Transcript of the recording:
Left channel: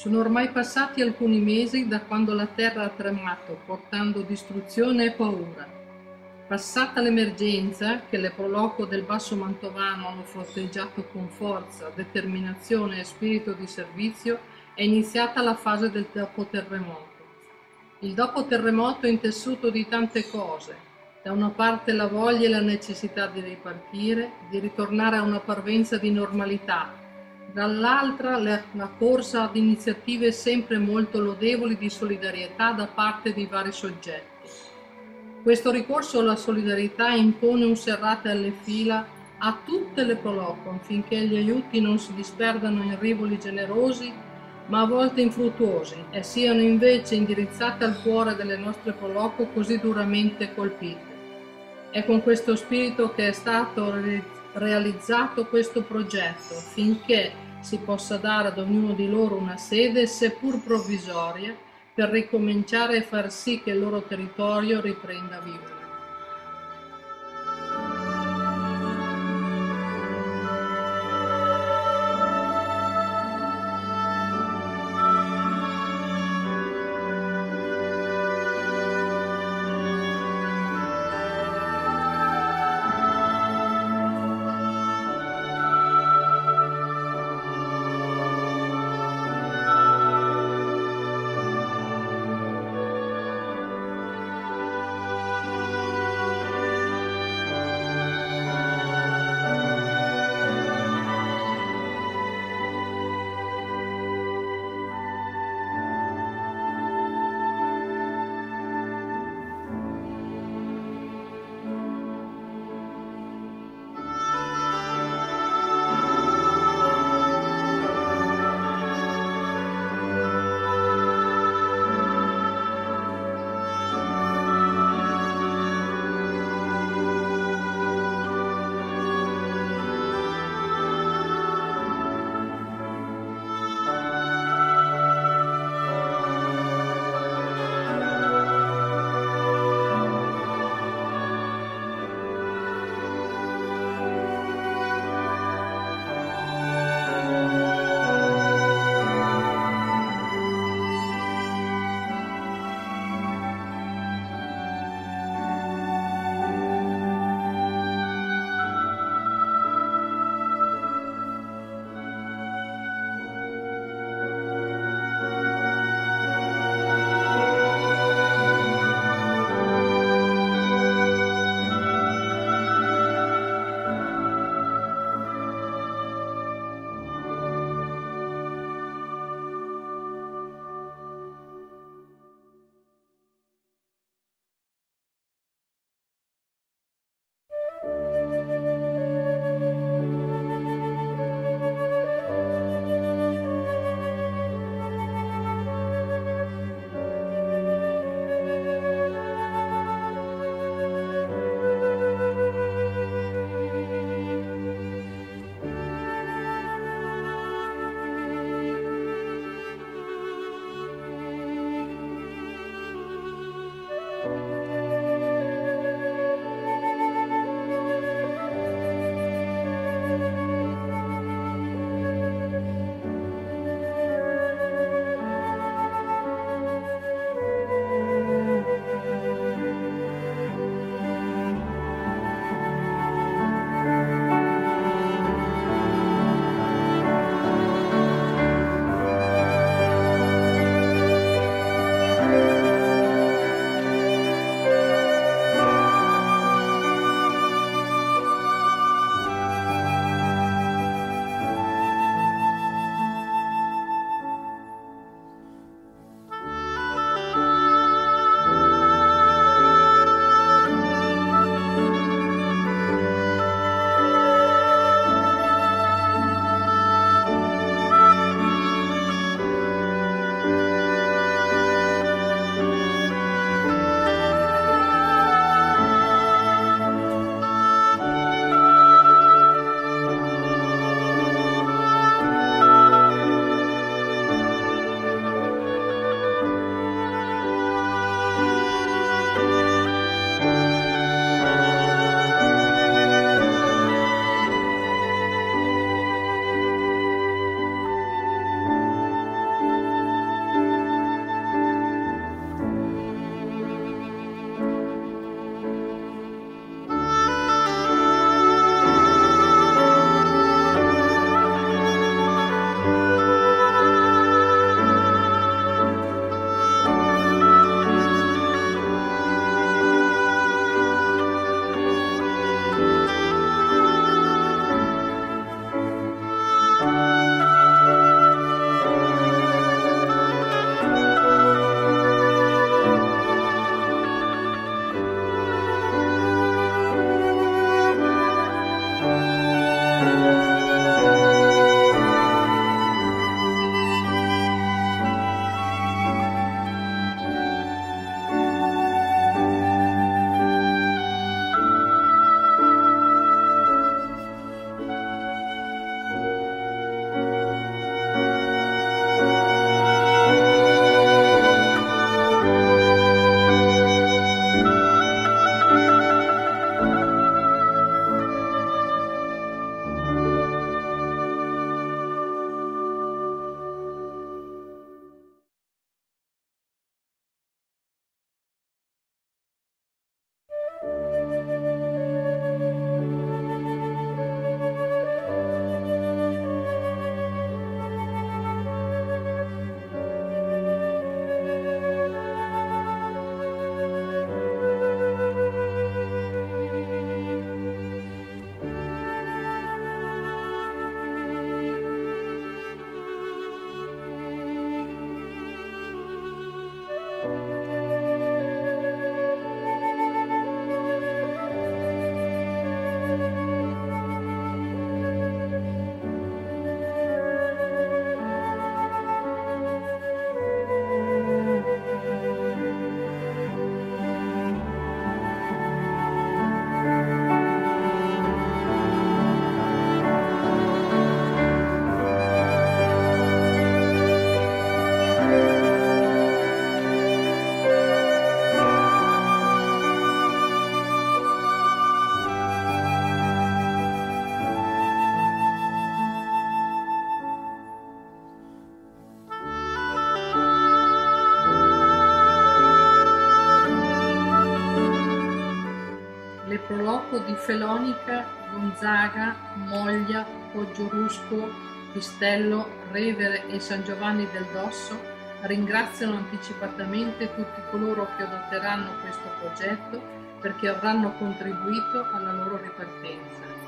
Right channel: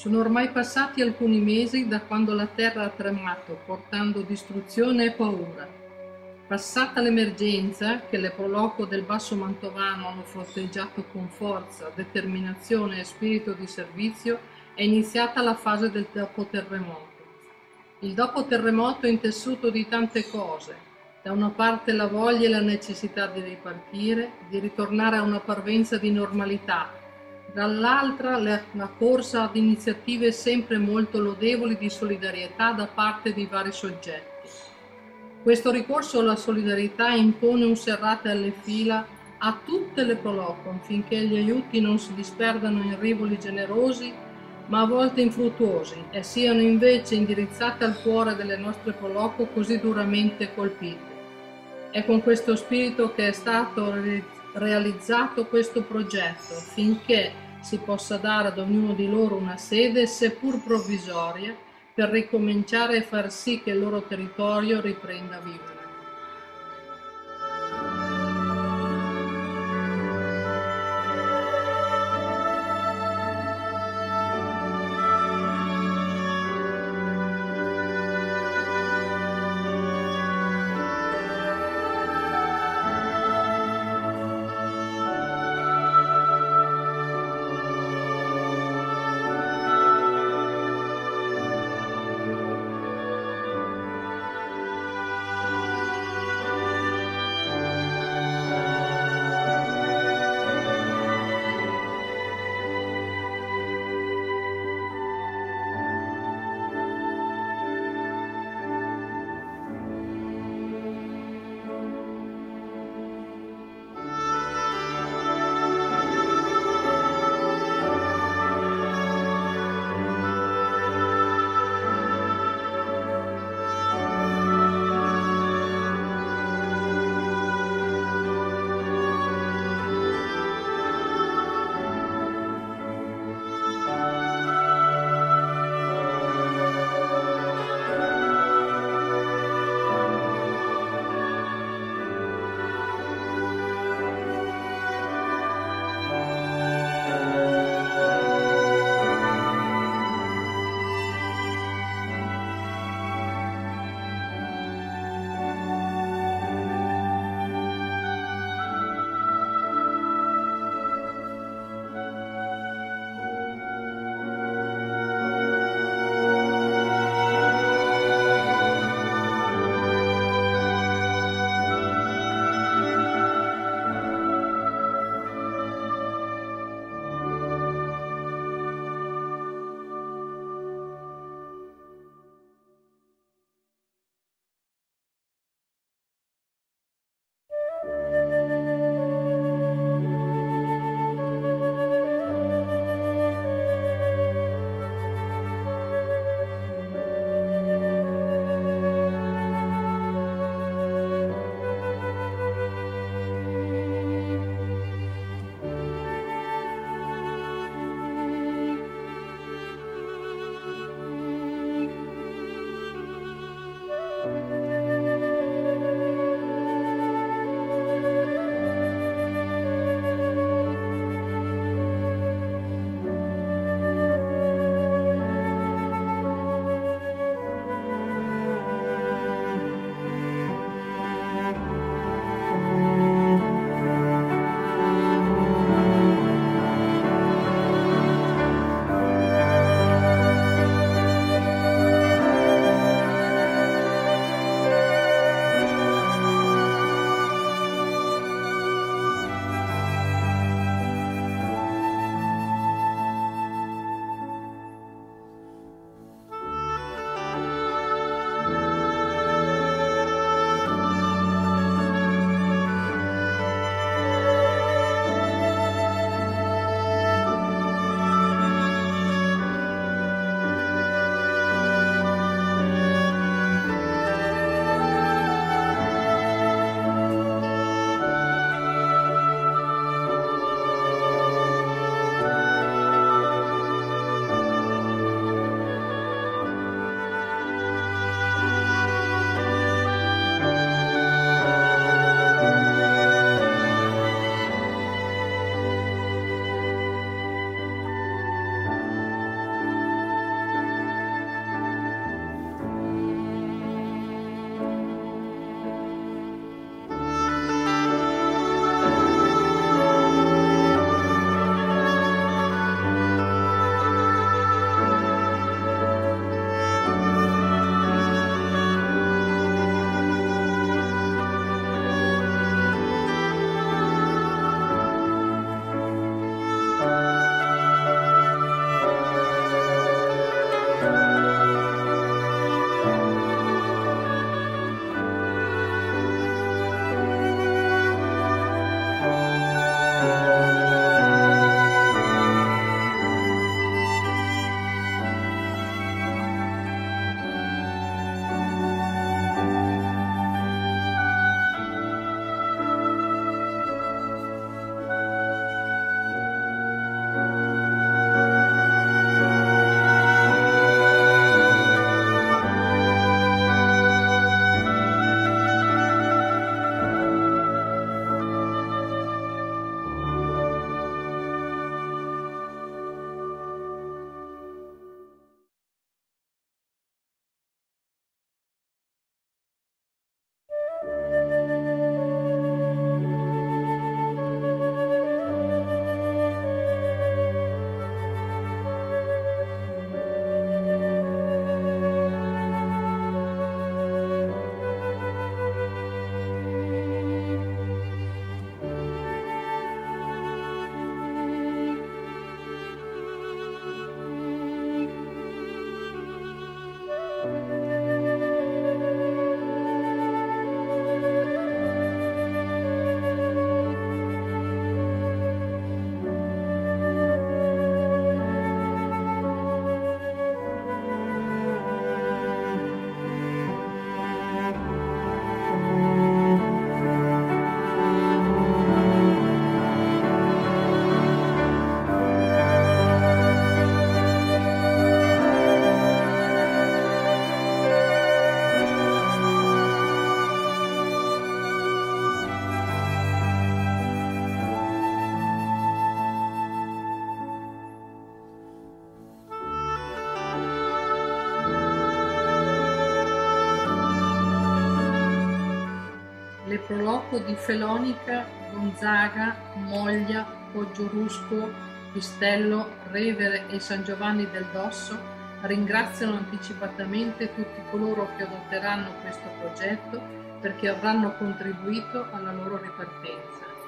Sono ormai passati alcuni mesi da quando la terra ha tremato, portando distruzione e paura. Passata l'emergenza, che le Proloco del Basso Mantovano hanno fronteggiato con forza, determinazione e spirito di servizio, è iniziata la fase del dopo-terremoto. Il dopo-terremoto è intessuto di tante cose. Da una parte la voglia e la necessità di ripartire, di ritornare a una parvenza di normalità, dall'altra la corsa ad iniziative sempre molto lodevoli di solidarietà da parte di vari soggetti. Questo ricorso alla solidarietà impone un serrate alle fila a tutte le Proloco affinché gli aiuti non si disperdano in rivoli generosi ma a volte infruttuosi e siano invece indirizzate al cuore delle nostre Proloco così duramente colpite. È con questo spirito che è stato realizzato questo progetto, finché si possa dare ad ognuno di loro una sede, seppur provvisoria, per ricominciare e far sì che il loro territorio riprenda a vivere. proloco di Felonica, Gonzaga, Moglia, Poggiorusco, Pistello, Revere e San Giovanni del Dosso ringraziano anticipatamente tutti coloro che adotteranno questo progetto perché avranno contribuito alla loro ripartenza.